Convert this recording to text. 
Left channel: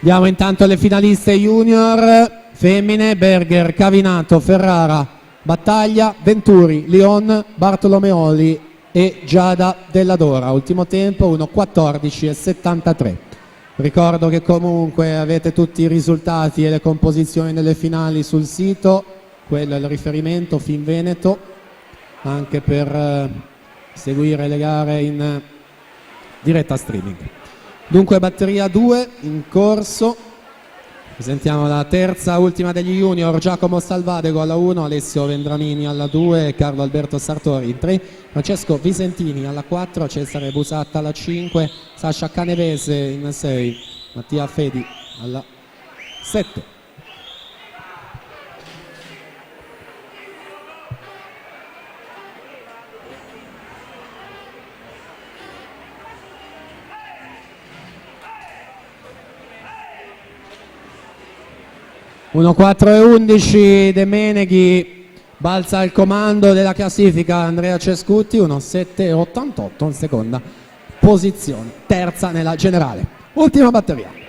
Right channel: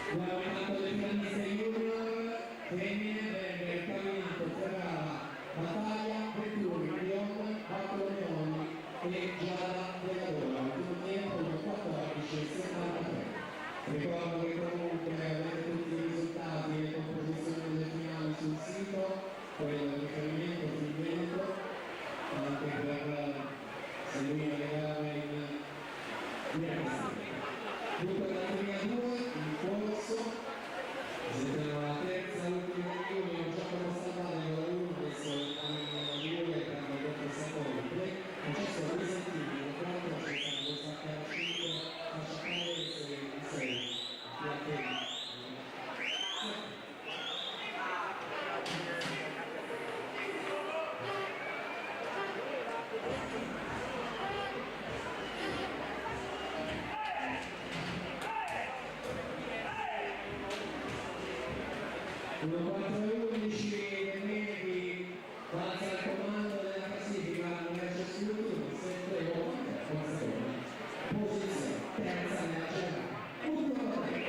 Diamo intanto le finaliste junior femmine: Berger, Cavinato, Ferrara, Battaglia, Venturi, Lion, Bartolomeoli e Giada Della Dora. Ultimo tempo 1:14:73. Ricordo che comunque avete tutti i risultati e le composizioni delle finali sul sito, quello è il riferimento Finveneto, anche per seguire le gare in diretta streaming. Dunque batteria 2 in corso. Presentiamo la terza, ultima degli junior: Giacomo Salvadego alla 1, Alessio Vendramini alla 2, Carlo Alberto Sartori in 3, Francesco Visentini alla 4, Cesare Busatta alla 5, Sasha Canevese in 6, Mattia Fedi alla 7. e 11 De Meneghi balza al comando della classifica. Andrea Cescutti 1:7:88 in seconda posizione, terza nella generale. Ultima batteria.